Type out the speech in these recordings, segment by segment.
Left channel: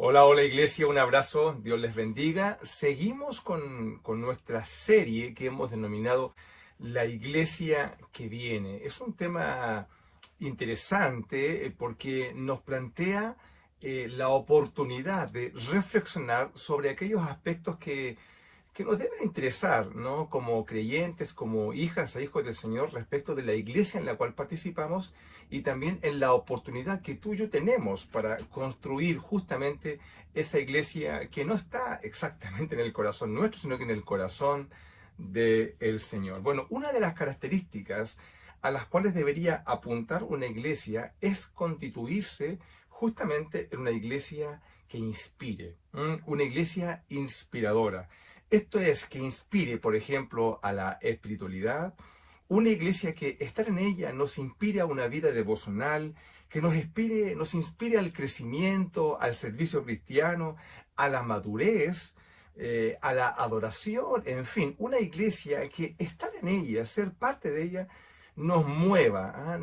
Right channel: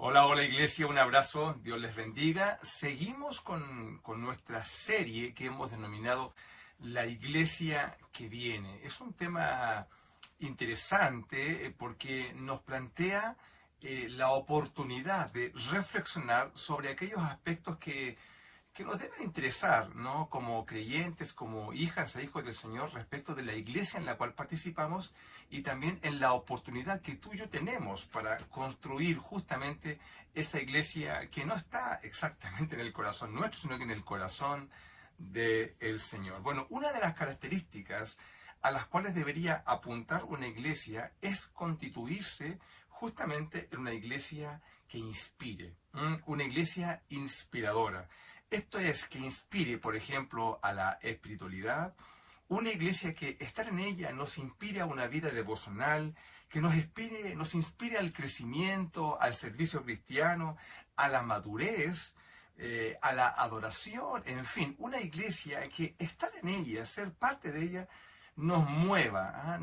Hola, hola iglesia, un abrazo, Dios les bendiga. Seguimos con nuestra serie que hemos denominado La Iglesia que viene. Es un tema interesante porque nos plantea la oportunidad de reflexionar sobre aquellos aspectos que nos deben interesar, ¿no? Como creyentes, como hijas e hijos del Señor, respecto de la iglesia en la cual participamos y también en la oportunidad que tú y yo tenemos para construir justamente esa iglesia que no está exactamente en el corazón nuestro, sino que en el corazón del Señor. Bueno, una de las características a las cuales debería apuntar una iglesia es constituirse justamente en una iglesia que inspire, una iglesia inspiradora. Esto es, que inspire, por ejemplo, a la espiritualidad, una iglesia que estar en ella nos inspire a una vida devocional, que nos inspire al crecimiento, al servicio cristiano, a la madurez, a la adoración, en fin, una iglesia que estar en ella, ser parte de ella, nos mueva,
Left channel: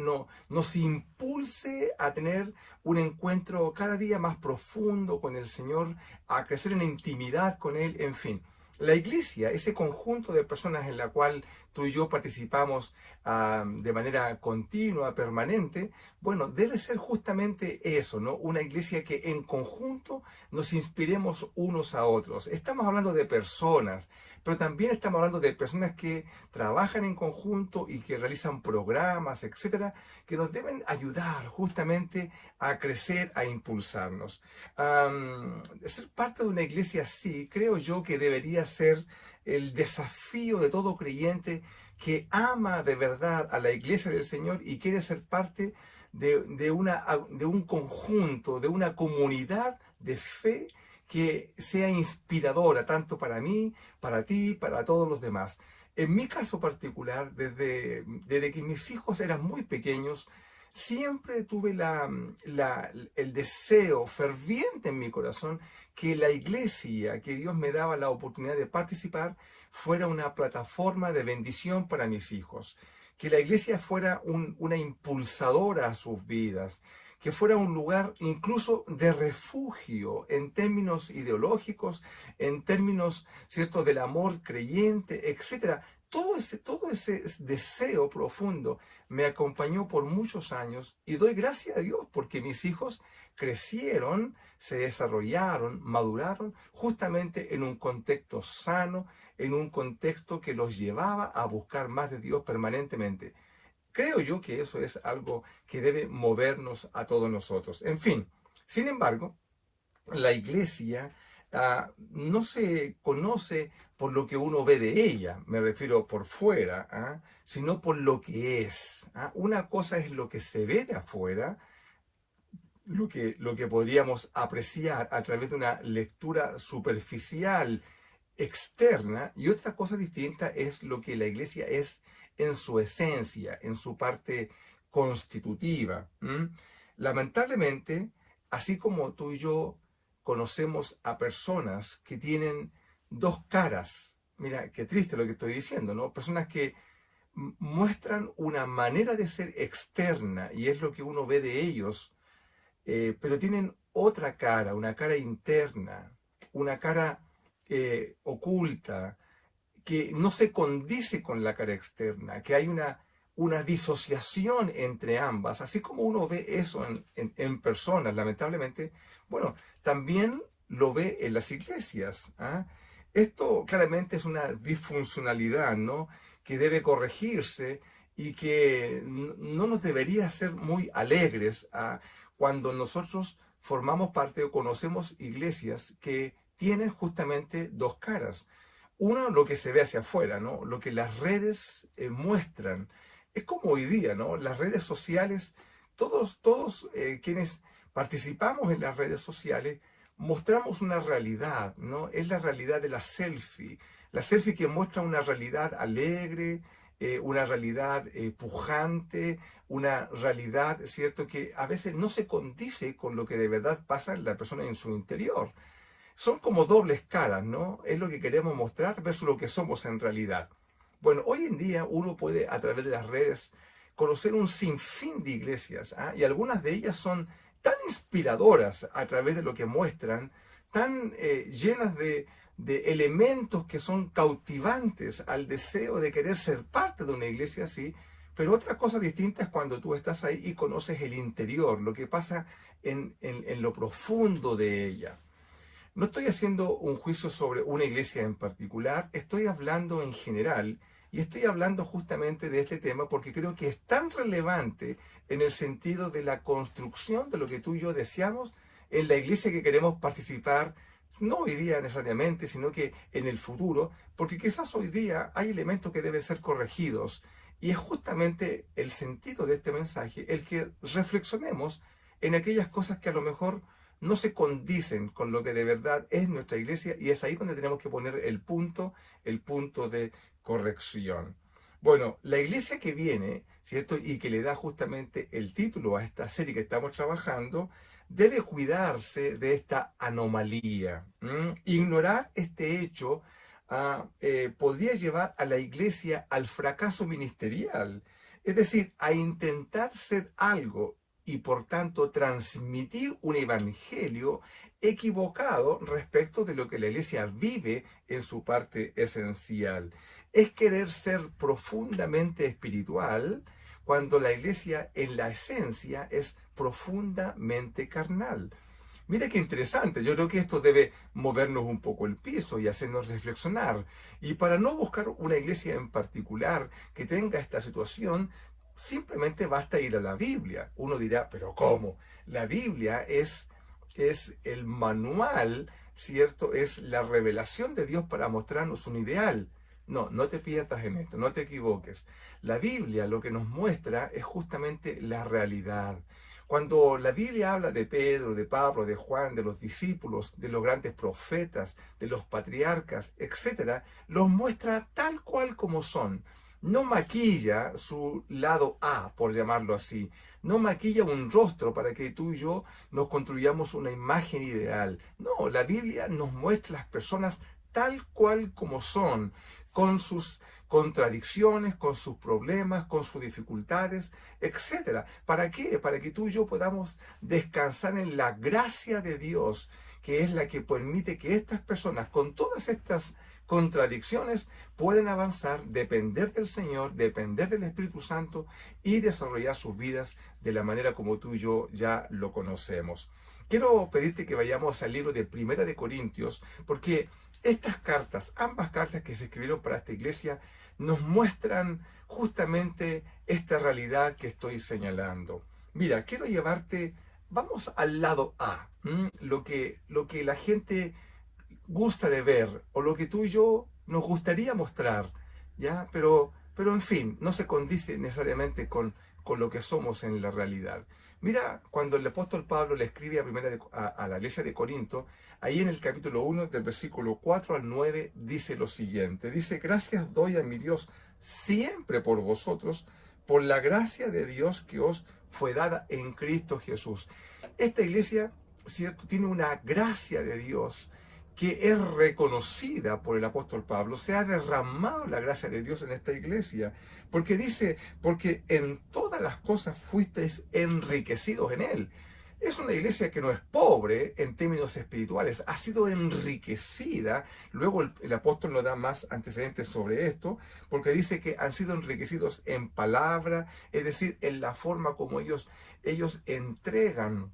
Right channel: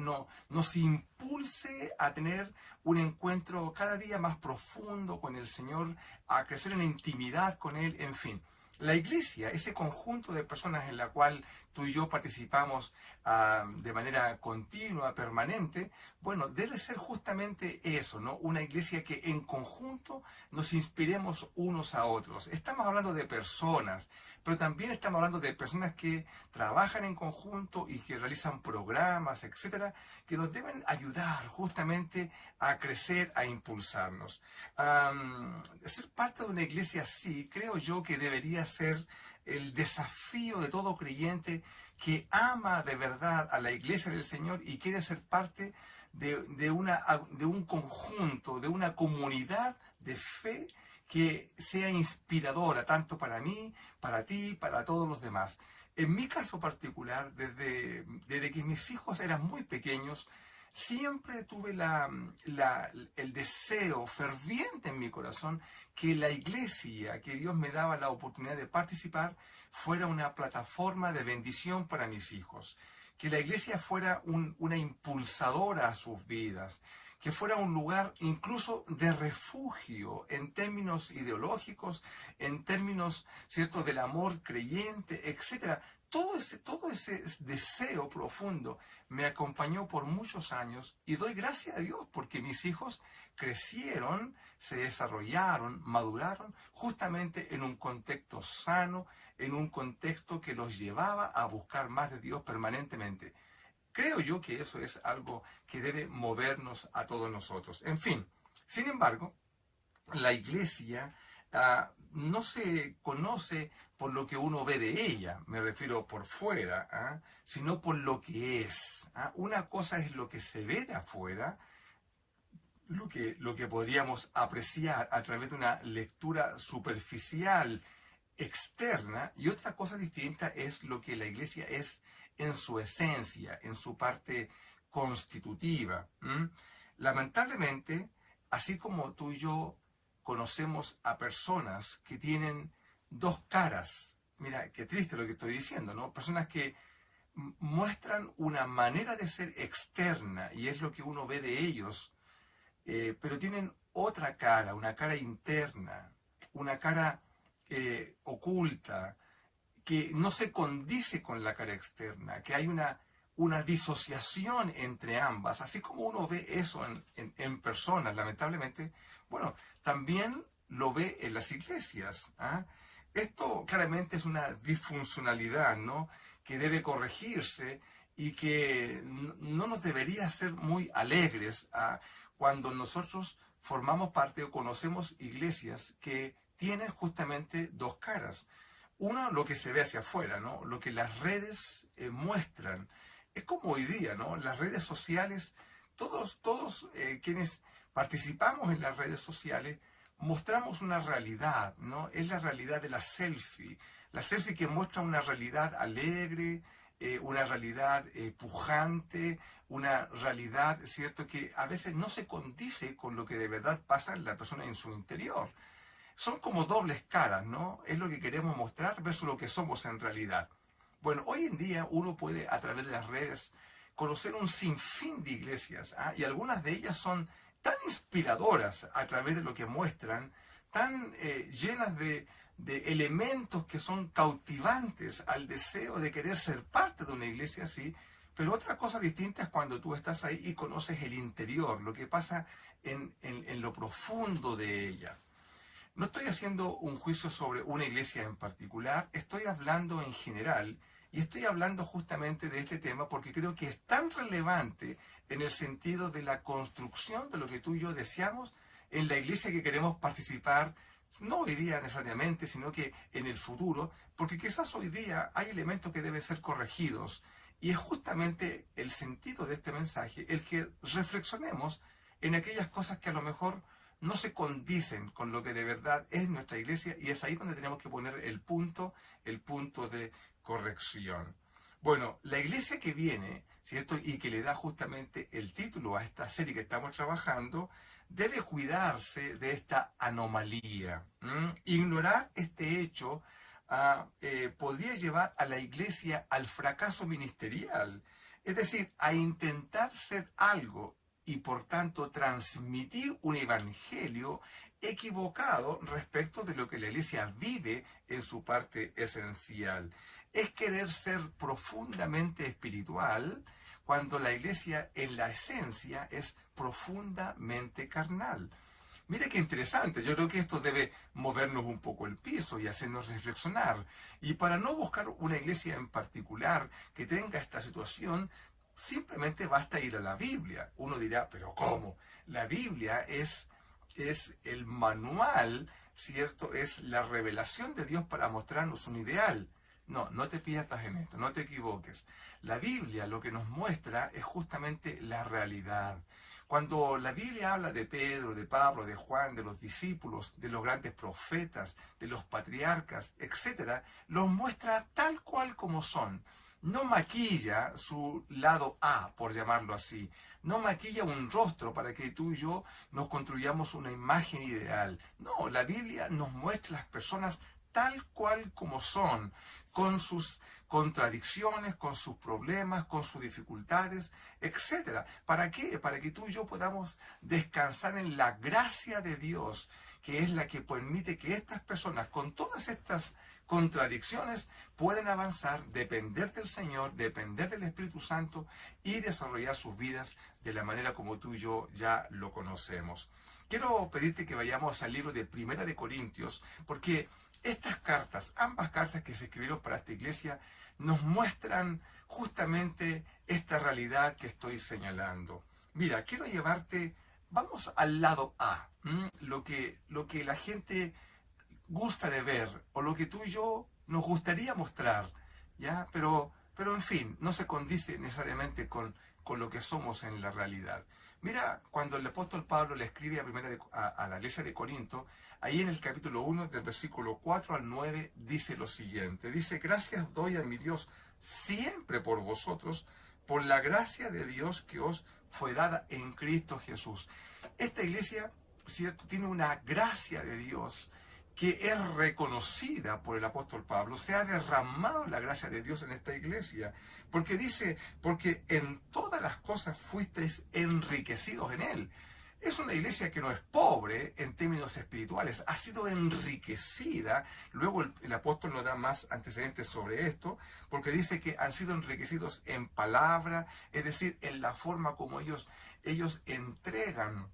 nos impulse a tener un encuentro cada día más profundo con el Señor, a crecer en intimidad con Él, en fin. La iglesia, ese conjunto de personas en la cual tú y yo participamos de manera continua, permanente, bueno, debe ser justamente eso, ¿no? Una iglesia que en conjunto nos inspiremos unos a otros. Estamos hablando de personas, pero también estamos hablando de personas que trabajan en conjunto y que realizan programas, etcétera, que nos deben ayudar justamente a crecer, a impulsarnos. Ser parte de una iglesia así, creo yo que debería ser el desafío de todo creyente que ama de verdad a la iglesia del Señor y quiere ser parte de un conjunto, de una comunidad de fe que sea inspiradora, tanto para mí, para ti, para todos los demás. En mi caso particular, desde que mis hijos eran muy pequeños, siempre tuve el deseo ferviente en mi corazón que la iglesia, que Dios me daba la oportunidad de participar, fuera una plataforma de bendición para mis hijos. Que la iglesia fuera una impulsadora a sus vidas, que fuera un lugar incluso de refugio en términos ideológicos, en términos, ¿cierto?, del amor creyente, etcétera. Todo ese deseo profundo me acompañó por muchos años y doy gracias a Dios porque mis hijos crecieron, se desarrollaron, maduraron justamente en un contexto sano, en un contexto que los llevaba a buscar más de Dios permanentemente. Creo yo que eso es algo que debe movernos a todos nosotros. En fin, sin embargo, la iglesia no se conoce por lo que uno ve de ella, me refiero por fuera, sino por lo que es. Una cosa es lo que se ve de afuera, lo que podríamos apreciar a través de una lectura superficial, externa, y otra cosa distinta es lo que la iglesia es en su esencia, en su parte constitutiva. Lamentablemente, así como tú y yo conocemos a personas que tienen dos caras, mira, qué triste lo que estoy diciendo, ¿no? Personas que muestran una manera de ser externa y es lo que uno ve de ellos, pero tienen otra cara, una cara interna, una cara oculta, que no se condice con la cara externa, que hay una disociación entre ambas, así como uno ve eso en personas, lamentablemente, bueno, también lo ve en las iglesias. Esto claramente es una disfuncionalidad, ¿no?, que debe corregirse y que no nos debería hacer muy alegres cuando nosotros formamos parte o conocemos iglesias que tienen justamente dos caras. Uno, lo que se ve hacia afuera, ¿no? Lo que las redes muestran. Es como hoy día, ¿no? Las redes sociales, todos quienes participamos en las redes sociales, mostramos una realidad, ¿no? Es la realidad de la selfie que muestra una realidad alegre, una realidad pujante, una realidad, ¿cierto?, que a veces no se condice con lo que de verdad pasa en la persona en su interior. Son como dobles caras, ¿no? Es lo que queremos mostrar versus lo que somos en realidad. Bueno, hoy en día uno puede a través de las redes conocer un sinfín de iglesias, y algunas de ellas son tan inspiradoras a través de lo que muestran, tan llenas de elementos que son cautivantes al deseo de querer ser parte de una iglesia así. Pero otra cosa distinta es cuando tú estás ahí y conoces el interior, lo que pasa en lo profundo de ella. No estoy haciendo un juicio sobre una iglesia en particular, estoy hablando en general y estoy hablando justamente de este tema porque creo que es tan relevante en el sentido de la construcción de lo que tú y yo deseamos en la iglesia que queremos participar, no hoy día necesariamente, sino que en el futuro, porque quizás hoy día hay elementos que deben ser corregidos y es justamente el sentido de este mensaje el que reflexionemos en aquellas cosas que a lo mejor no se condicen con lo que de verdad es nuestra iglesia, y es ahí donde tenemos que poner el punto de corrección. Bueno, la iglesia que viene, ¿cierto? Y que le da justamente el título a esta serie que estamos trabajando, debe cuidarse de esta anomalía. Ignorar este hecho podría llevar a la iglesia al fracaso ministerial, es decir, a intentar ser algo y por tanto transmitir un evangelio equivocado respecto de lo que la iglesia vive en su parte esencial. Es querer ser profundamente espiritual cuando la iglesia en la esencia es profundamente carnal. Mira qué interesante, yo creo que esto debe movernos un poco el piso y hacernos reflexionar. Y para no buscar una iglesia en particular que tenga esta situación, simplemente basta ir a la Biblia. Uno dirá, pero ¿cómo? La Biblia es el manual, ¿cierto? Es la revelación de Dios para mostrarnos un ideal. No, no te pierdas en esto, no te equivoques. La Biblia lo que nos muestra es justamente la realidad. Cuando la Biblia habla de Pedro, de Pablo, de Juan, de los discípulos, de los grandes profetas, de los patriarcas, etc., los muestra tal cual como son. No maquilla su lado A, por llamarlo así. No maquilla un rostro para que tú y yo nos construyamos una imagen ideal. No, la Biblia nos muestra las personas tal cual como son, con sus contradicciones, con sus problemas, con sus dificultades, etcétera. ¿Para qué? Para que tú y yo podamos descansar en la gracia de Dios, que es la que permite que estas personas, con todas estas contradicciones, pueden avanzar, depender del Señor, depender del Espíritu Santo y desarrollar sus vidas de la manera como tú y yo ya lo conocemos. Quiero pedirte que vayamos al libro de Primera de Corintios, porque estas cartas, ambas cartas que se escribieron para esta iglesia, nos muestran justamente esta realidad que estoy señalando. Mira, quiero llevarte, vamos al lado A, lo que la gente gusta de ver o lo que tú y yo nos gustaría mostrar, ¿ya? Pero en fin, no se condice necesariamente con lo que somos en la realidad. Mira, cuando el apóstol Pablo le escribe a la iglesia de Corinto, ahí en el capítulo 1, del versículo 4 al 9, dice lo siguiente. Dice, gracias doy a mi Dios siempre por vosotros, por la gracia de Dios que os fue dada en Cristo Jesús. Esta iglesia, ¿cierto?, tiene una gracia de Dios que es reconocida por el apóstol Pablo. Se ha derramado la gracia de Dios en esta iglesia, porque dice, porque en todas las cosas fuisteis enriquecidos en él. Es una iglesia que no es pobre en términos espirituales, ha sido enriquecida. Luego el apóstol nos da más antecedentes sobre esto, porque dice que han sido enriquecidos en palabra, es decir, en la forma como ellos entregan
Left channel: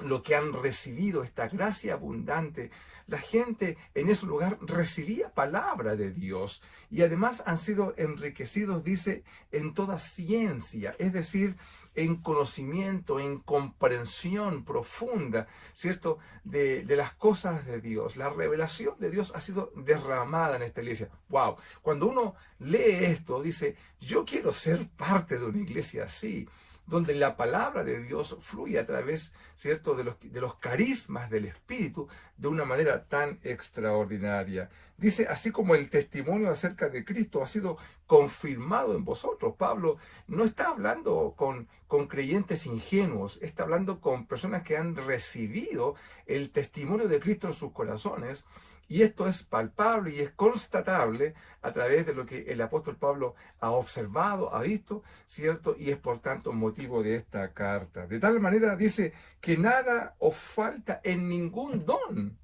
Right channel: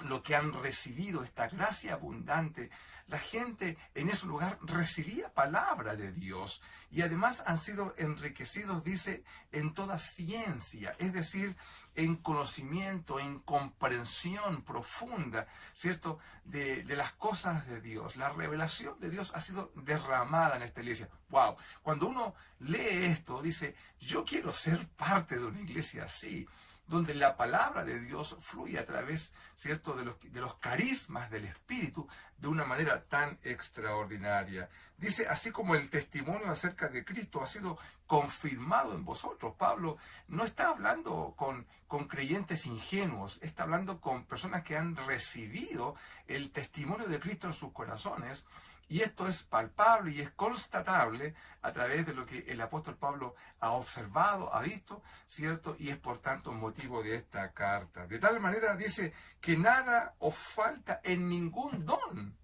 lo que han recibido, esta gracia abundante. La gente en ese lugar recibía palabra de Dios y además han sido enriquecidos, dice, en toda ciencia, es decir, en conocimiento, en comprensión profunda, ¿cierto?, de las cosas de Dios. La revelación de Dios ha sido derramada en esta iglesia. ¡Wow! Cuando uno lee esto, dice, yo quiero ser parte de una iglesia así, donde la palabra de Dios fluye a través, ¿cierto?, de los carismas del Espíritu de una manera tan extraordinaria. Dice, así como el testimonio acerca de Cristo ha sido confirmado en vosotros. Pablo no está hablando con creyentes ingenuos, está hablando con personas que han recibido el testimonio de Cristo en sus corazones, y esto es palpable y es constatable a través de lo que el apóstol Pablo ha observado, ha visto, ¿cierto? Y es por tanto motivo de esta carta. De tal manera dice que nada os falta en ningún don.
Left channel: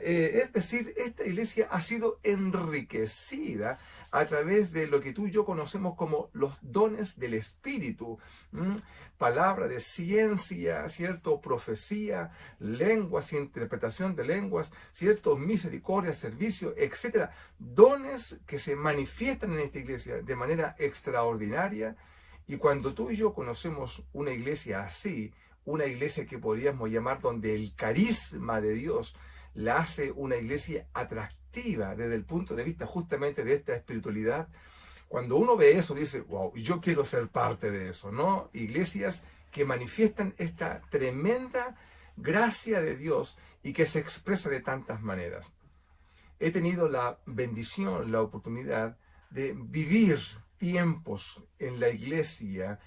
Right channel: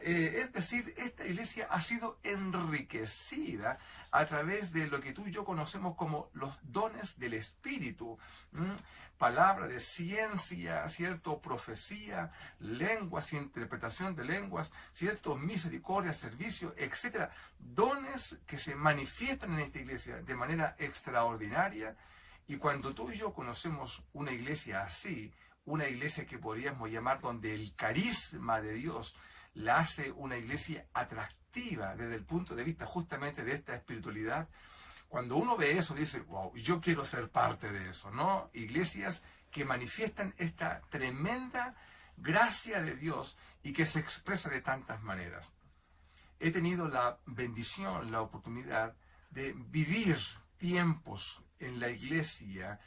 Es decir, esta iglesia ha sido enriquecida a través de lo que tú y yo conocemos como los dones del Espíritu. Palabra de ciencia, ¿cierto? Profecía, lenguas, interpretación de lenguas, ¿cierto? Misericordia, servicio, etcétera. Dones que se manifiestan en esta iglesia de manera extraordinaria. Y cuando tú y yo conocemos una iglesia así, una iglesia que podríamos llamar donde el carisma de Dios la hace una iglesia atractiva desde el punto de vista justamente de esta espiritualidad, cuando uno ve eso dice, wow, yo quiero ser parte de eso, ¿no? Iglesias que manifiestan esta tremenda gracia de Dios y que se expresa de tantas maneras. He tenido la bendición, la oportunidad de vivir tiempos en la iglesia,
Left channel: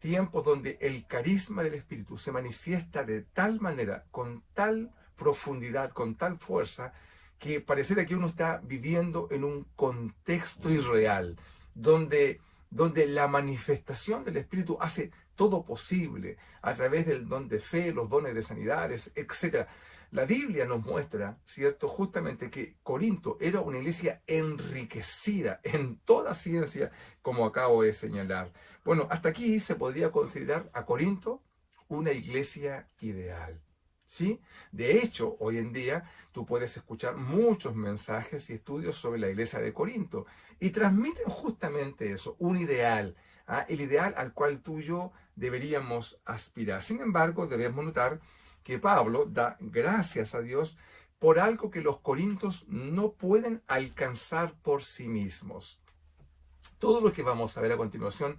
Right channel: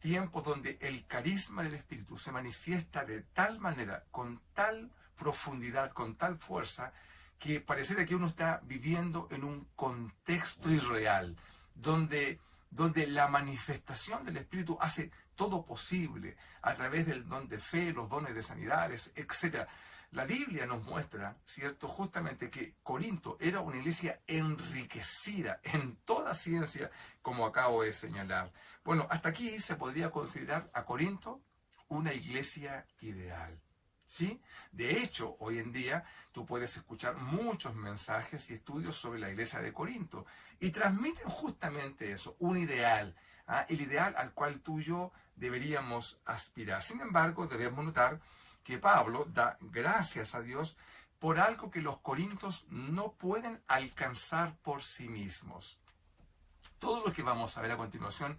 tiempos donde el carisma del Espíritu se manifiesta de tal manera, con tal profundidad, con tal fuerza, que pareciera que uno está viviendo en un contexto irreal, donde la manifestación del Espíritu hace todo posible a través del don de fe, los dones de sanidades, etc. La Biblia nos muestra, ¿cierto?, justamente que Corinto era una iglesia enriquecida en toda ciencia, como acabo de señalar. Bueno, hasta aquí se podría considerar a Corinto una iglesia ideal, ¿sí? De hecho, hoy en día tú puedes escuchar muchos mensajes y estudios sobre la iglesia de Corinto y transmiten justamente eso, un ideal, el ideal al cual tú y yo deberíamos aspirar. Sin embargo, debemos notar que Pablo da gracias a Dios por algo que los corintios no pueden alcanzar por sí mismos. Todo lo que vamos a ver a continuación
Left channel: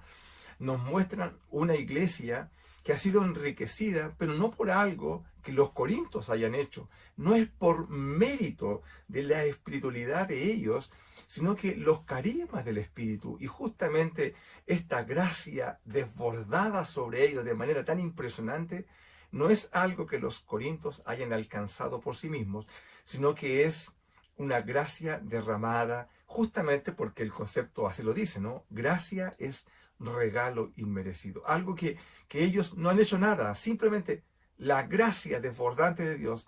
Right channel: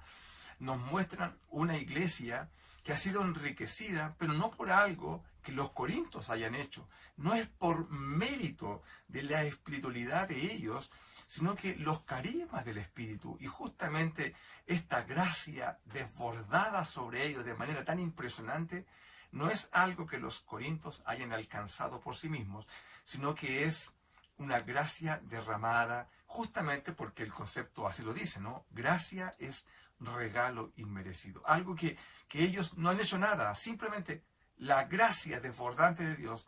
nos muestra una iglesia que ha sido enriquecida, pero no por algo que los corintios hayan hecho. No es por mérito de la espiritualidad de ellos, sino que los carismas del Espíritu y justamente esta gracia desbordada sobre ellos de manera tan impresionante, no es algo que los corintios hayan alcanzado por sí mismos, sino que es una gracia derramada justamente porque el concepto así lo dice, ¿no? Gracia es regalo inmerecido, algo que ellos no han hecho nada, simplemente la gracia desbordante de Dios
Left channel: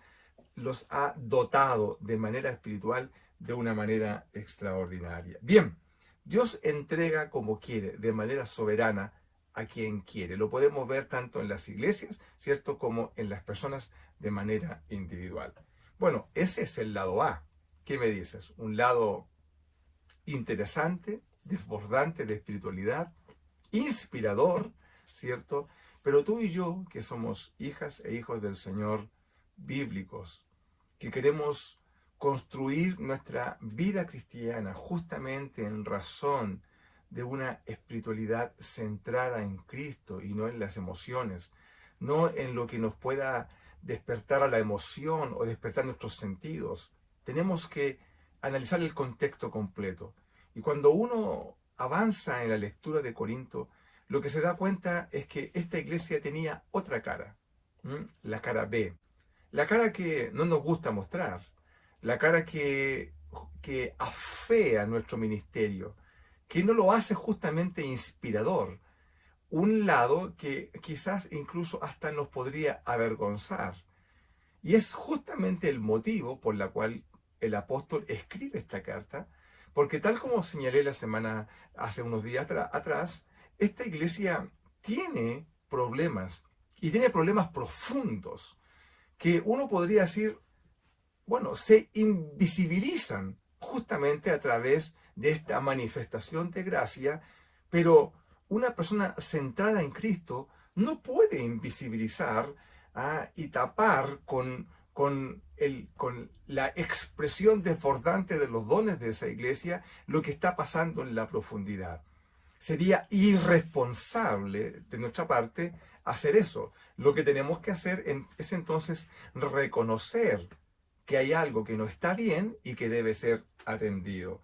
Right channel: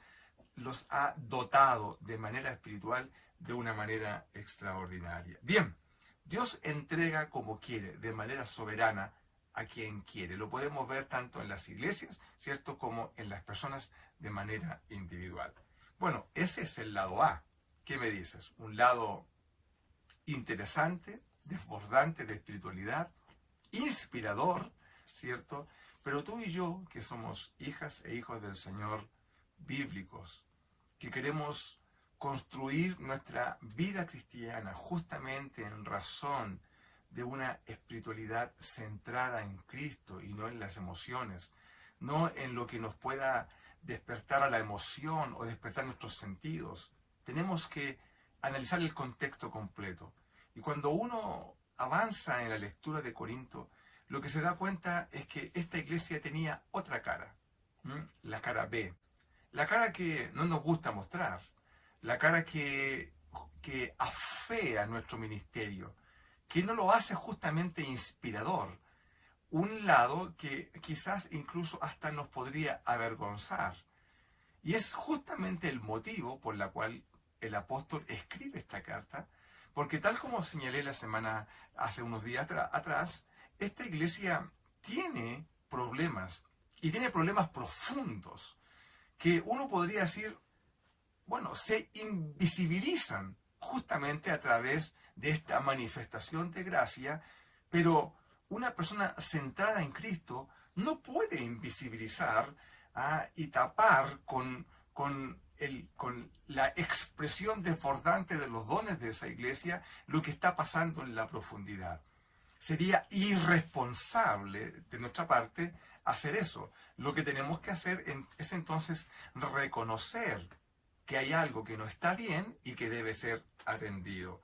los ha dotado de manera espiritual de una manera extraordinaria. Bien, Dios entrega como quiere, de manera soberana, a quien quiere. Lo podemos ver tanto en las iglesias, ¿cierto?, como en las personas de manera individual. Bueno, ese es el lado A. ¿Qué me dices? Un lado interesante, desbordante de espiritualidad, inspirador, ¿cierto? Pero tú y yo, que somos hijas e hijos del Señor, bíblicos, que queremos construir nuestra vida cristiana justamente en razón de una espiritualidad centrada en Cristo y no en las emociones, no en lo que nos pueda despertar a la emoción o despertar nuestros sentidos. Tenemos que analizar el contexto completo. Y cuando uno avanza en la lectura de Corinto, lo que se da cuenta es que esta iglesia tenía otra cara, la cara B, la cara que no nos gusta mostrar, la cara que afea nuestro ministerio, que no lo hace justamente inspirador, un lado que quizás incluso hasta nos podría avergonzar. Y es justamente el motivo por el cual el apóstol escribe esta carta, porque tal como señalé hace unos días atrás, esta iglesia tiene problemas, y tiene problemas profundos, que uno podría decir, bueno, se invisibilizan justamente a través de esta manifestación de gracia, pero una persona centrada en Cristo no puede invisibilizar y tapar con la expresión desbordante de los dones de esa iglesia lo que está pasando en la profundidad. Sería irresponsable de nuestra parte hacer eso. Lo que tenemos que hacer es entonces reconocer que hay algo que no está bien y que debe ser atendido.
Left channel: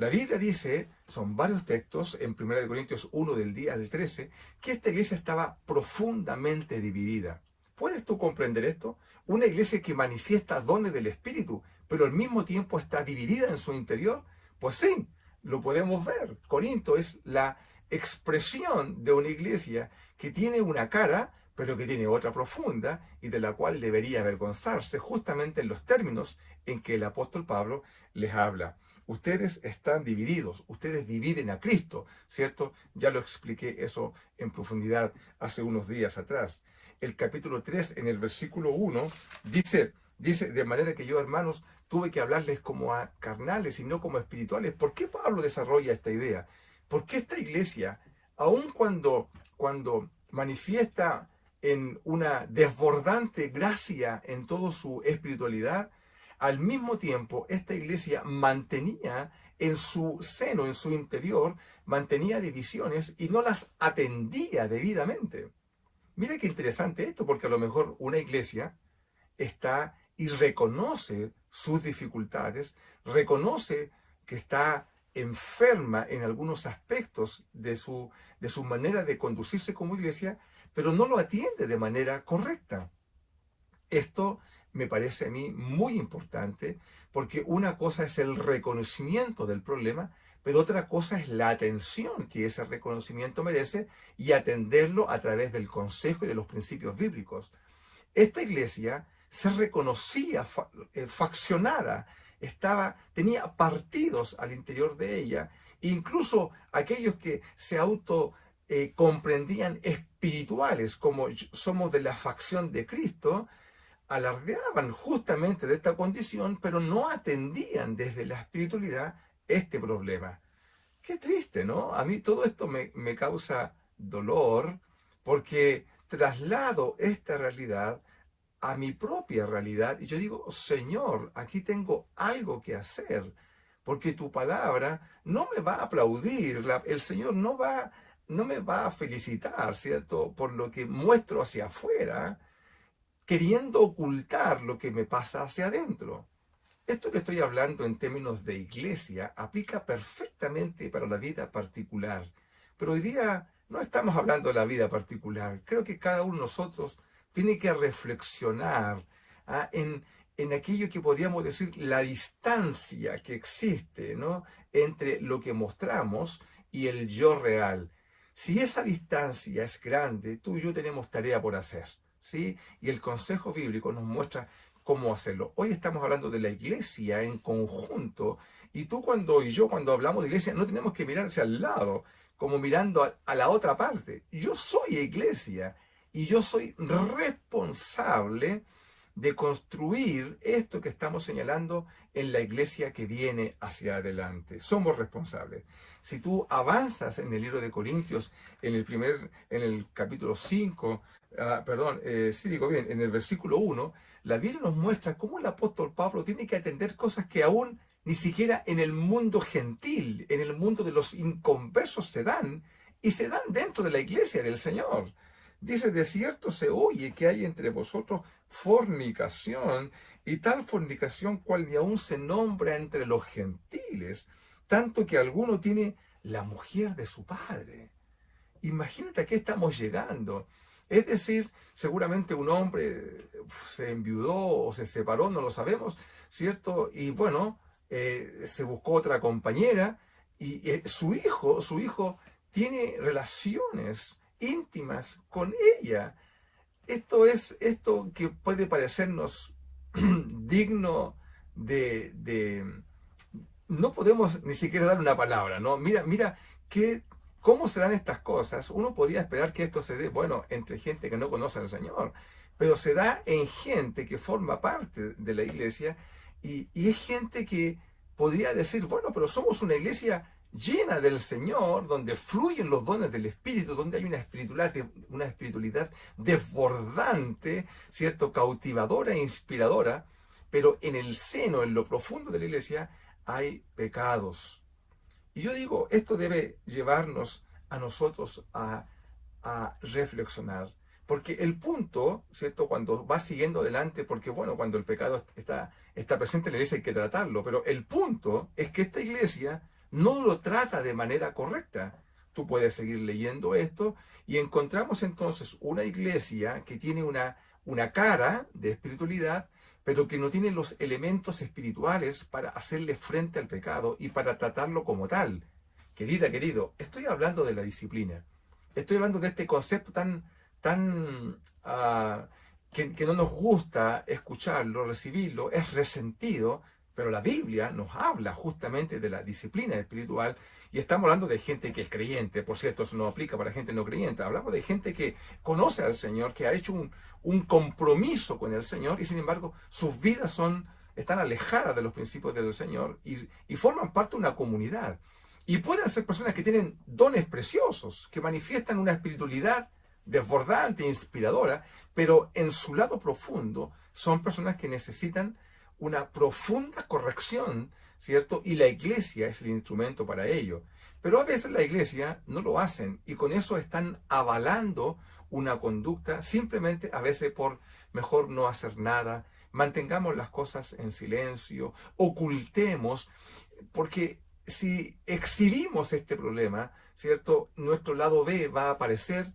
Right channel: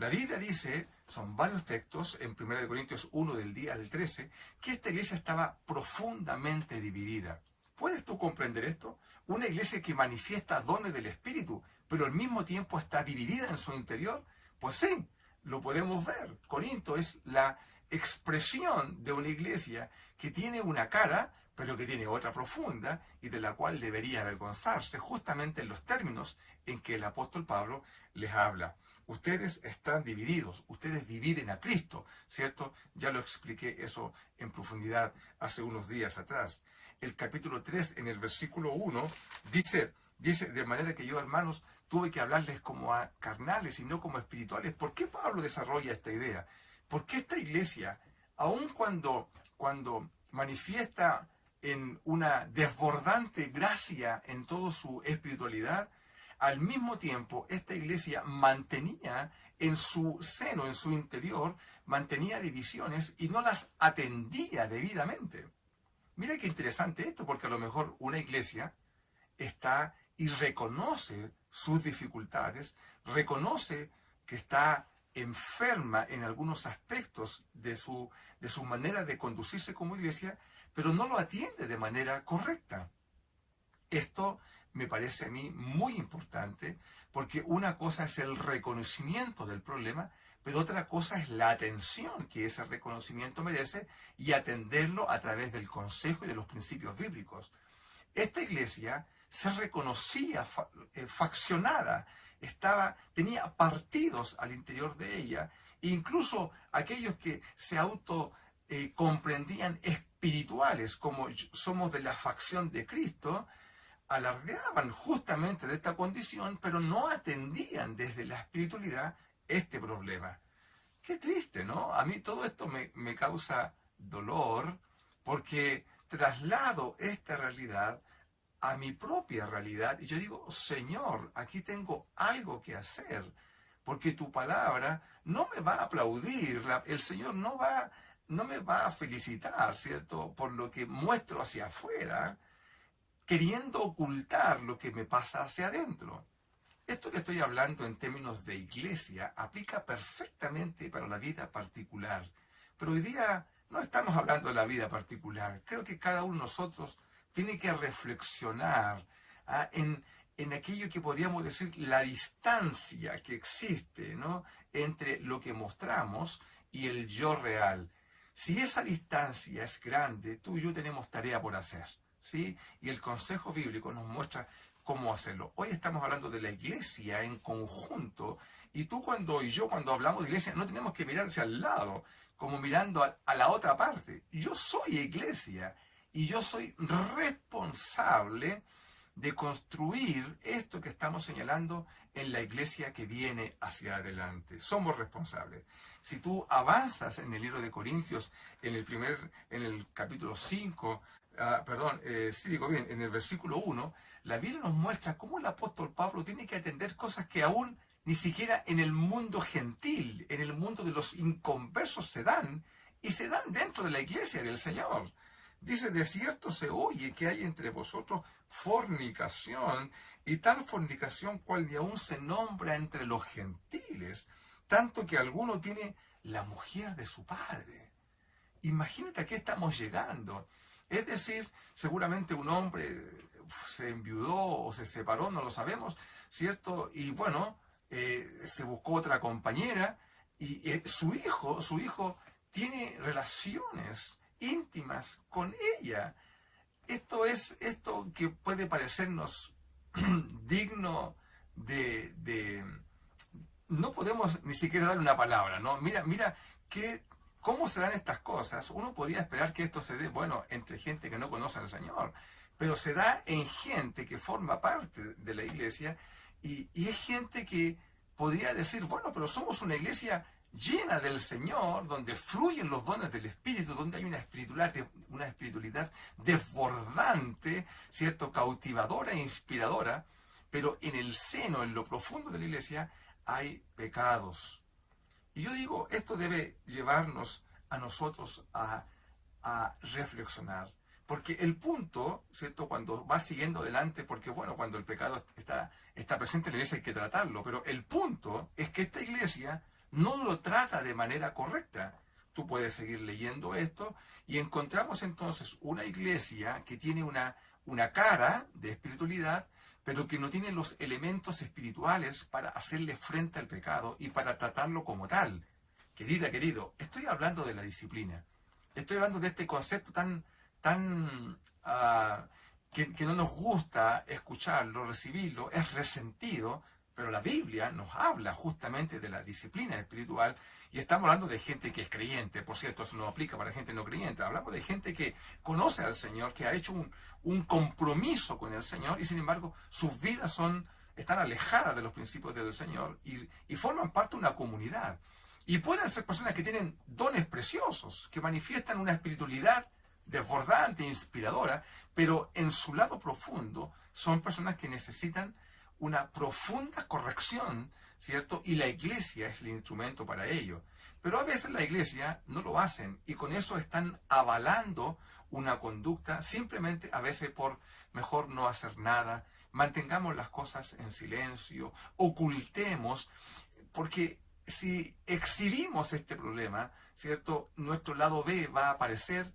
La Biblia dice, son varios textos, en 1 Corintios 1 del día al 13, que esta iglesia estaba profundamente dividida. ¿Puedes tú comprender esto? Una iglesia que manifiesta dones del Espíritu, pero al mismo tiempo está dividida en su interior. Pues sí, lo podemos ver. Corinto es la expresión de una iglesia que tiene una cara, pero que tiene otra profunda y de la cual debería avergonzarse justamente en los términos en que el apóstol Pablo les habla. Ustedes están divididos, ustedes dividen a Cristo, ¿cierto? Ya lo expliqué eso en profundidad hace unos días atrás. El capítulo 3, en el versículo 1, dice, de manera que yo, hermanos, tuve que hablarles como a carnales y no como espirituales. ¿Por qué Pablo desarrolla esta idea? Porque esta iglesia, aun cuando manifiesta en una desbordante gracia en toda su espiritualidad, al mismo tiempo esta iglesia mantenía en su seno, en su interior, mantenía divisiones y no las atendía debidamente. Mire qué interesante esto, porque a lo mejor una iglesia está y reconoce sus dificultades, reconoce que está enferma en algunos aspectos de su manera de conducirse como iglesia, pero no lo atiende de manera correcta. Esto me parece a mí muy importante, porque una cosa es el reconocimiento del problema, pero otra cosa es la atención que ese reconocimiento merece y atenderlo a través del consejo y de los principios bíblicos. Esta iglesia se reconocía faccionada, tenía partidos al interior de ella, incluso aquellos que se comprendían espirituales, como somos de la facción de Cristo, alardeaban justamente de esta condición, pero no atendían desde la espiritualidad este problema. Qué triste, ¿no? A mí todo esto me causa dolor, porque traslado esta realidad a mi propia realidad y yo digo, Señor, aquí tengo algo que hacer, porque tu palabra no me va a aplaudir, el Señor no me va a felicitar, ¿cierto?, por lo que muestro hacia afuera, queriendo ocultar lo que me pasa hacia adentro. Esto que estoy hablando en términos de iglesia aplica perfectamente para la vida particular, pero hoy día no estamos hablando de la vida particular. Creo que cada uno de nosotros tiene que reflexionar en aquello que podríamos decir la distancia que existe, ¿no?, entre lo que mostramos y el yo real. Si esa distancia es grande, tú y yo tenemos tarea por hacer, ¿sí? Y el consejo bíblico nos muestra cómo hacerlo. Hoy estamos hablando de la iglesia en conjunto, y tú y yo cuando hablamos de iglesia no tenemos que mirar hacia el lado, como mirando a la otra parte. Yo soy iglesia y yo soy responsable de construir esto que estamos señalando en la iglesia que viene hacia adelante. Somos responsables. Si tú avanzas en el libro de Corintios, en el capítulo 5, en el versículo 1, la Biblia nos muestra cómo el apóstol Pablo tiene que atender cosas que aún ni siquiera en el mundo gentil, en el mundo de los inconversos se dan, y se dan dentro de la iglesia del Señor. Dice, de cierto se oye que hay entre vosotros fornicación, y tal fornicación cual ni aún se nombra entre los gentiles, tanto que alguno tiene la mujer de su padre. Imagínate a qué estamos llegando. Es decir, seguramente un hombre se enviudó o se separó, no lo sabemos, ¿cierto? Y bueno, se buscó otra compañera y su hijo tiene relaciones íntimas con ella. Esto que puede parecernos digno no podemos ni siquiera dar una palabra, ¿no? Mira cómo se dan estas cosas. Uno podría esperar que esto se dé, bueno, entre gente que no conoce al Señor, pero se da en gente que forma parte de la iglesia y es gente que podría decir, bueno, pero somos una iglesia llena del Señor, donde fluyen los dones del Espíritu, donde hay una espiritualidad desbordante, ¿cierto?, cautivadora e inspiradora, pero en el seno, en lo profundo de la iglesia, hay pecados. Y yo digo, esto debe llevarnos a nosotros a reflexionar, porque el punto, ¿cierto?, cuando va siguiendo adelante, porque bueno, cuando el pecado está presente en la iglesia hay que tratarlo, pero el punto es que esta iglesia no lo trata de manera correcta. Tú puedes seguir leyendo esto y encontramos entonces una iglesia que tiene una cara de espiritualidad, pero que no tiene los elementos espirituales para hacerle frente al pecado y para tratarlo como tal. Querida, querido, estoy hablando de la disciplina. Estoy hablando de este concepto tan que no nos gusta escucharlo, recibirlo, es resentido, pero la Biblia nos habla justamente de la disciplina espiritual y estamos hablando de gente que es creyente. Por cierto, eso no aplica para gente no creyente. Hablamos de gente que conoce al Señor, que ha hecho un compromiso con el Señor y sin embargo sus vidas están alejadas de los principios del Señor y forman parte de una comunidad. Y pueden ser personas que tienen dones preciosos, que manifiestan una espiritualidad desbordante, inspiradora, pero en su lado profundo son personas que necesitan una profunda corrección, ¿cierto? Y la iglesia es el instrumento para ello. Pero a veces la iglesia no lo hacen y con eso están avalando una conducta simplemente a veces por mejor no hacer nada, mantengamos las cosas en silencio, ocultemos, porque si exhibimos este problema, ¿cierto? Nuestro lado B va a aparecer,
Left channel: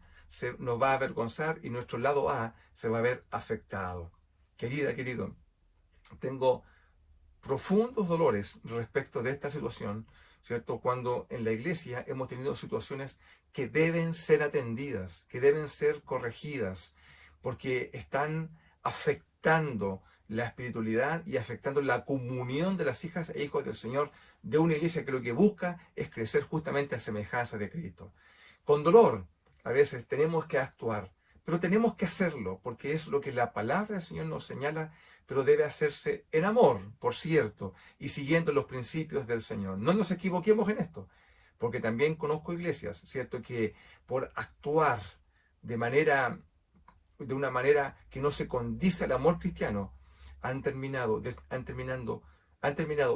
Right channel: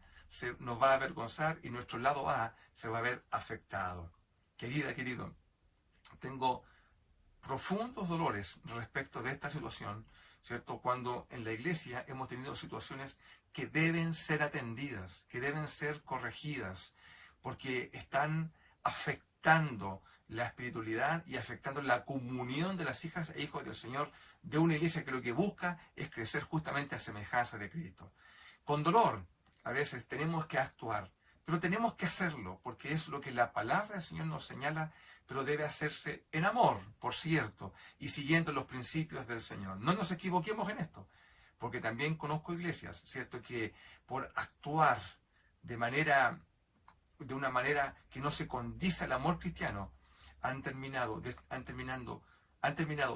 nos va a avergonzar y nuestro lado A se va a ver afectado. Querida, querido, tengo profundos dolores respecto de esta situación, ¿cierto? Cuando en la iglesia hemos tenido situaciones que deben ser atendidas, que deben ser corregidas, porque están afectando la espiritualidad y afectando la comunión de las hijas e hijos del Señor de una iglesia que lo que busca es crecer justamente a semejanza de Cristo. Con dolor, a veces tenemos que actuar, pero tenemos que hacerlo porque es lo que la palabra del Señor nos señala, pero debe hacerse en amor, por cierto, y siguiendo los principios del Señor. No nos equivoquemos en esto, porque también conozco iglesias, ¿cierto?, que por actuar de una manera que no se condice al amor cristiano, han terminado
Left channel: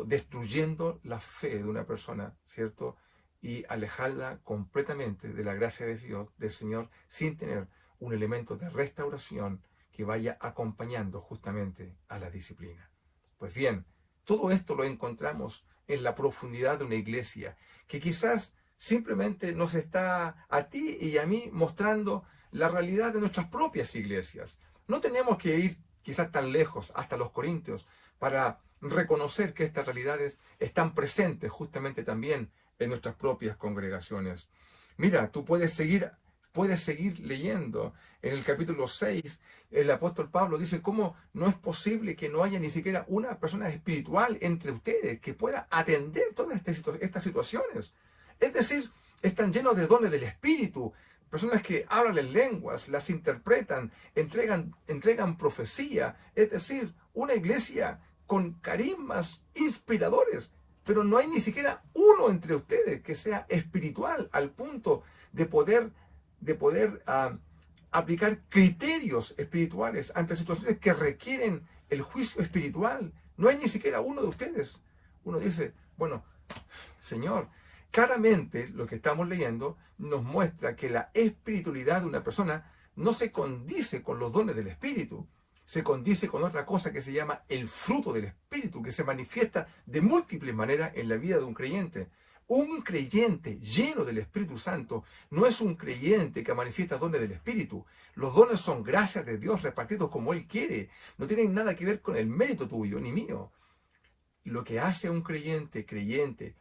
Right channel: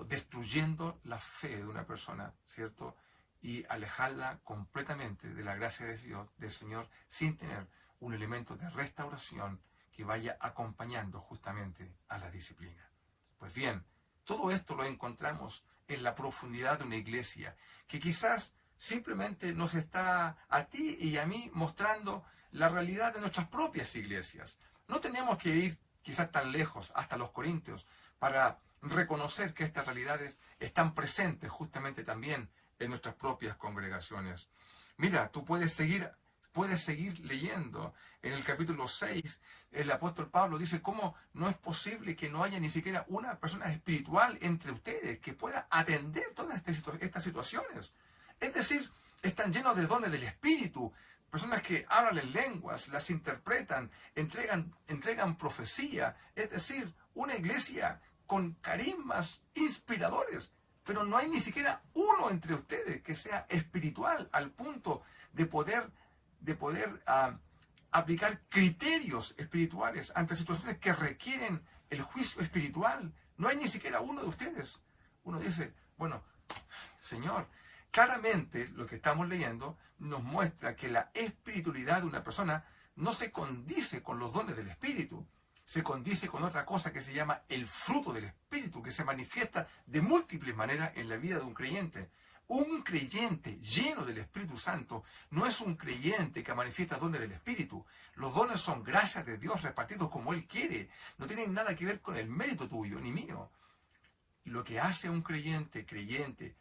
destruyendo la fe de una persona, ¿cierto?, y alejarla completamente de la gracia de Dios, del Señor, sin tener un elemento de restauración que vaya acompañando justamente a la disciplina. Pues bien, todo esto lo encontramos en la profundidad de una iglesia que quizás simplemente nos está a ti y a mí mostrando la realidad de nuestras propias iglesias. No tenemos que ir quizás tan lejos, hasta los Corintios, para reconocer que estas realidades están presentes justamente también en nuestras propias congregaciones. Mira, tú puedes seguir leyendo. En el capítulo 6, el apóstol Pablo dice cómo no es posible que no haya ni siquiera una persona espiritual entre ustedes que pueda atender todas estas situaciones. Es decir, están llenos de dones del Espíritu, personas que hablan en lenguas, las interpretan, entregan profecía, es decir, una iglesia con carismas inspiradores, pero no hay ni siquiera uno entre ustedes que sea espiritual al punto de poder aplicar criterios espirituales ante situaciones que requieren el juicio espiritual. No hay ni siquiera uno de ustedes. Uno dice, bueno, Señor, claramente lo que estamos leyendo nos muestra que la espiritualidad de una persona no se condice con los dones del Espíritu, se condice con otra cosa que se llama el fruto del Espíritu, que se manifiesta de múltiples maneras en la vida de un creyente. Un creyente lleno del Espíritu Santo no es un creyente que manifiesta dones del Espíritu. Los dones son gracias de Dios repartidos como Él quiere. No tienen nada que ver con el mérito tuyo ni mío. Lo que hace a un creyente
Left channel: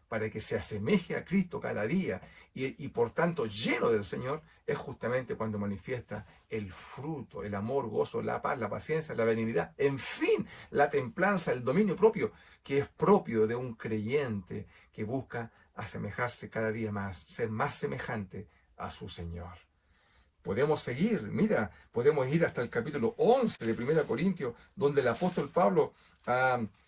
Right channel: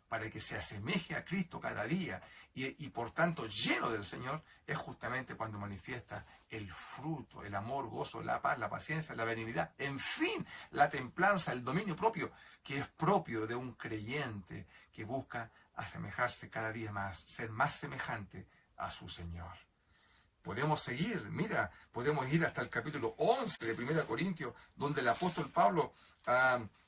para que se asemeje a Cristo cada día y por tanto lleno del Señor es justamente cuando manifiesta el fruto, el amor, gozo, la paz, la paciencia, la benignidad, en fin, la templanza, el dominio propio que es propio de un creyente que busca asemejarse cada día más, ser más semejante a su Señor. Podemos seguir, mira, podemos ir hasta el capítulo 11 de 1 Corintios, donde el apóstol Pablo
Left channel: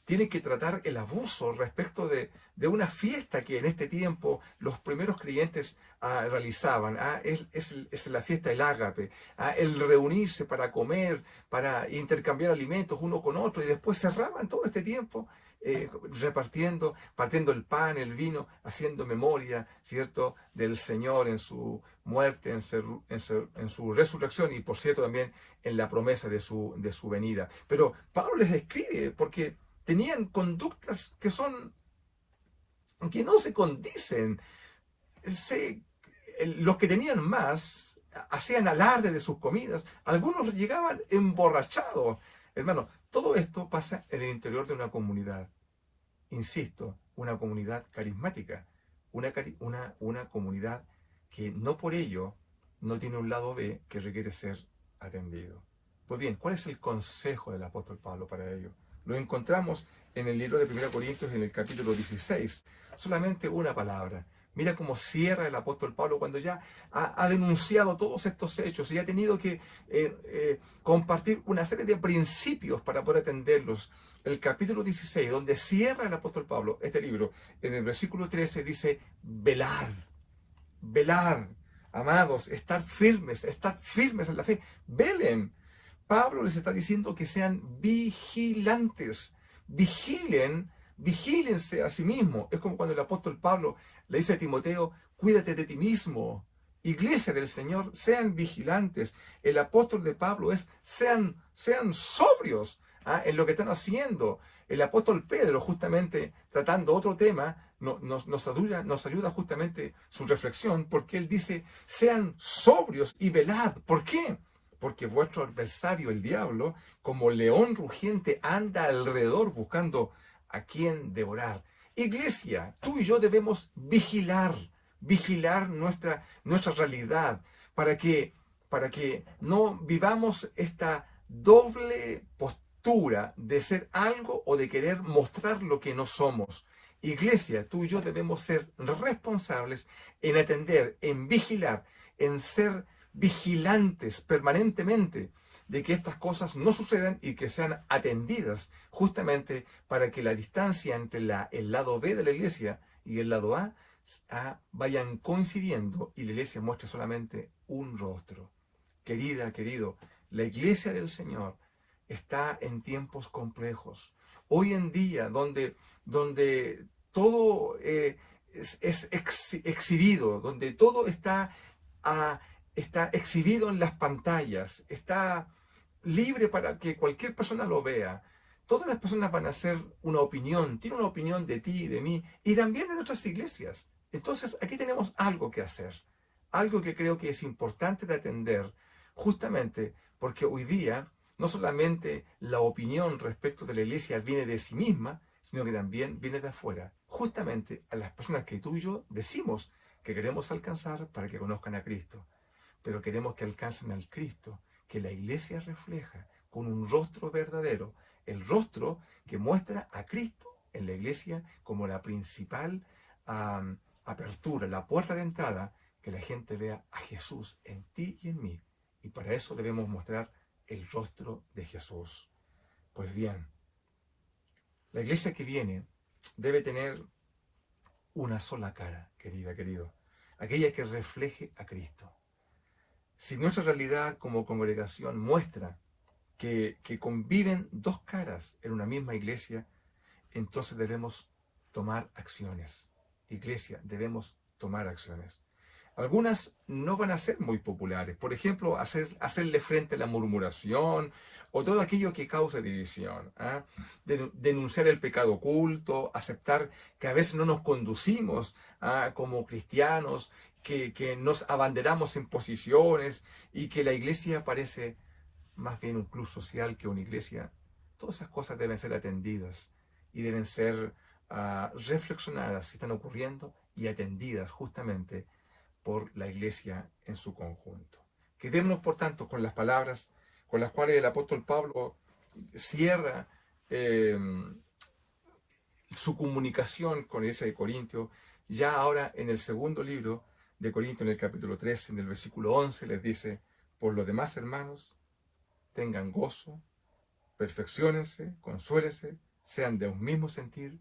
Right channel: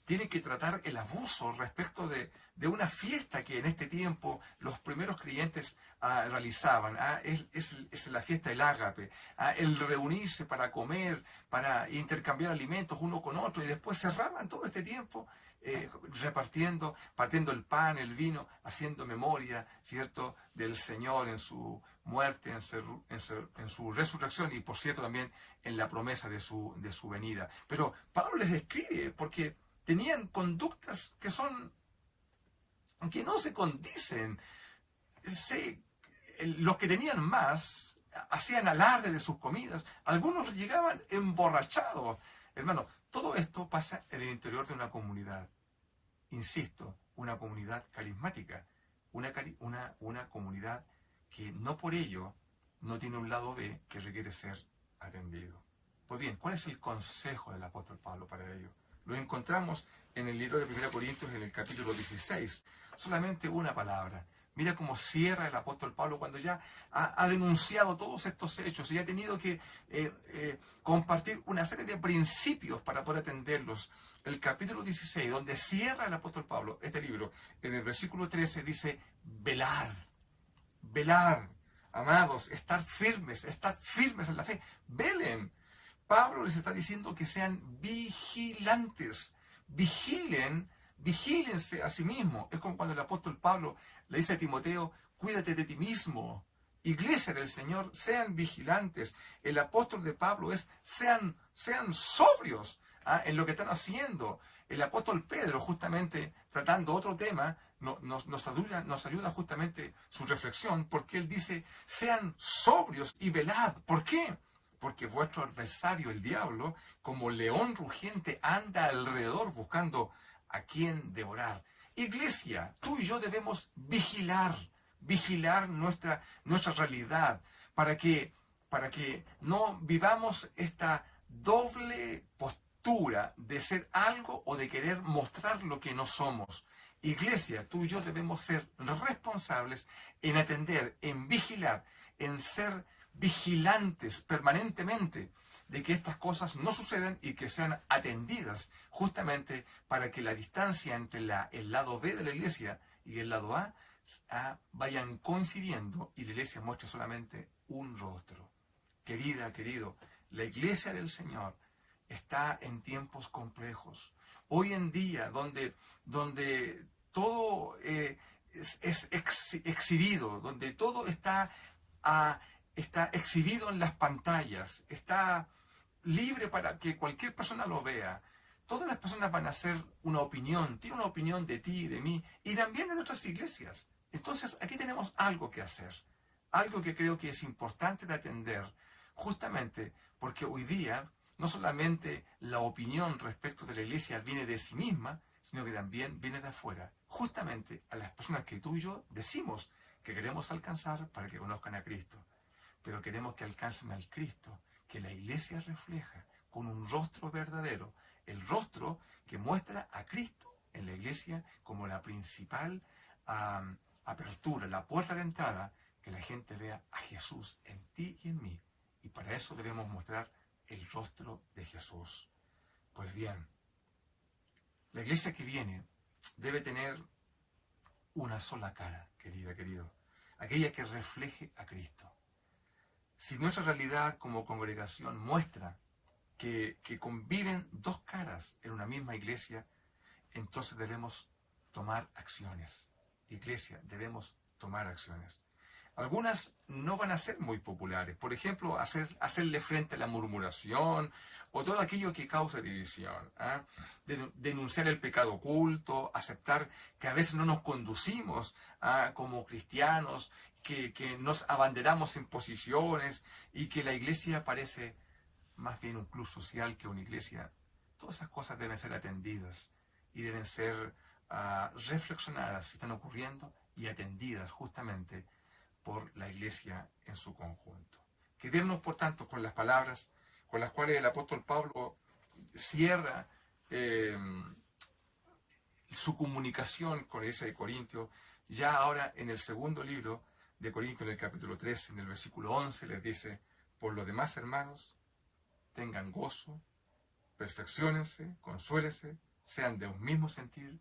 tiene que tratar el abuso respecto de una fiesta que en este tiempo los primeros creyentes realizaban. Es la fiesta del ágape, el reunirse para comer, para intercambiar alimentos uno con otro, y después cerraban todo este tiempo partiendo el pan, el vino, haciendo memoria, ¿cierto?, del Señor en su muerte, en su resurrección y, por cierto, también en la promesa de su venida. Pero Pablo les describe porque tenían conductas que son que no se condicen. Los que tenían más hacían alarde de sus comidas, algunos llegaban emborrachados. Hermano, todo esto pasa en el interior de una comunidad, insisto, una comunidad carismática, una comunidad que no por ello no tiene un lado B que requiere ser atendido. Pues bien, ¿cuál es el consejo del apóstol Pablo para ello? Lo encontramos en el libro de 1 Corintios, en el capítulo 16. Solamente una palabra. Mira cómo cierra el apóstol Pablo cuando ya ha denunciado todos estos hechos y ha tenido que compartir una serie de principios para poder atenderlos. El capítulo 16, donde cierra el apóstol Pablo este libro, en el versículo 13 dice: velad, velad, amados, estad firmes en la fe, velen. Pablo les está diciendo que sean vigilantes, vigílense a sí mismos. Es como cuando el apóstol Pablo le dice a Timoteo: cuídate de ti mismo. Iglesia del Señor, sean vigilantes. El apóstol de Pablo es: sean sobrios en lo que están haciendo. El apóstol Pedro, justamente tratando otro tema, nos ayuda justamente su reflexión, porque él dice: sean sobrios y velad. ¿Por qué? Porque vuestro adversario, el diablo, como león rugiente, anda alrededor buscando a quien devorar. Iglesia, tú y yo debemos vigilar nuestra realidad para que no vivamos esta doble postura de ser algo o de querer mostrar lo que no somos. Iglesia, tú y yo debemos ser responsables en atender, en vigilar, en ser vigilantes permanentemente de que estas cosas no sucedan y que sean atendidas justamente para que la distancia entre el lado B de la iglesia y el lado A vayan coincidiendo y la iglesia muestre solamente un rostro. Querida, querido, la iglesia del Señor está en tiempos complejos. Hoy en día, donde todo es exhibido, donde todo está exhibido en las pantallas, está libre para que cualquier persona lo vea. Todas las personas van a hacer una opinión, tienen una opinión de ti y de mí, y también de nuestras iglesias. Entonces, aquí tenemos algo que hacer, algo que creo que es importante de atender, justamente porque hoy día no solamente la opinión respecto de la iglesia viene de sí misma, sino que también viene de afuera, justamente a las personas que tú y yo decimos que queremos alcanzar para que conozcan a Cristo. Pero queremos que alcancen al Cristo, que la iglesia refleja con un rostro verdadero, el rostro que muestra a Cristo en la iglesia como la principal apertura, la puerta de entrada, que la gente vea a Jesús en ti y en mí. Y para eso debemos mostrar el rostro de Jesús. Pues bien, la iglesia que viene debe tener una sola cara, querida, querido, aquella que refleje a Cristo. Si nuestra realidad como congregación muestra que conviven dos caras en una misma iglesia, entonces debemos tomar acciones. Iglesia, debemos tomar acciones. Algunas no van a ser muy populares. Por ejemplo, hacerle frente a la murmuración o todo aquello que causa división. Denunciar el pecado oculto, aceptar que a veces no nos conducimos como cristianos, que nos abanderamos en posiciones y que la iglesia parece más bien un club social que una iglesia. Todas esas cosas deben ser atendidas y deben ser reflexionadas si están ocurriendo y atendidas justamente por la iglesia en su conjunto. Quedémonos, por tanto, con las palabras con las cuales el apóstol Pablo cierra su comunicación con la iglesia de Corintio. Ya ahora en el segundo libro de Corintios, en el capítulo 3, en el versículo 11, les dice: por lo demás, hermanos, tengan gozo, perfecciónense, consuélense, sean de un mismo sentir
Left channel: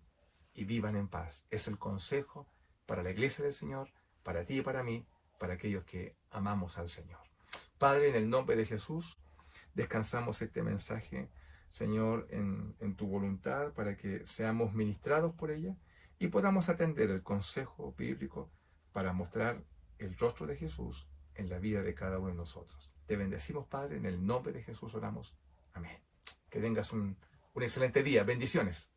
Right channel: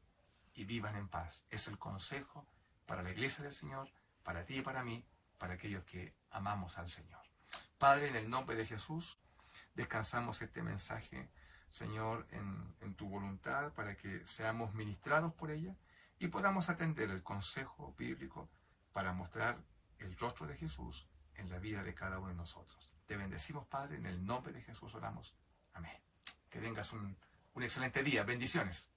y vivan en paz. Es el consejo para la iglesia del Señor, para ti y para mí, para aquellos que amamos al Señor. Padre, en el nombre de Jesús, descansamos este mensaje, Señor, en tu voluntad, para que seamos ministrados por ella y podamos atender el consejo bíblico para mostrar el rostro de Jesús en la vida de cada uno de nosotros. Te bendecimos, Padre, en el nombre de Jesús oramos. Amén. Que tengas un excelente día. Bendiciones.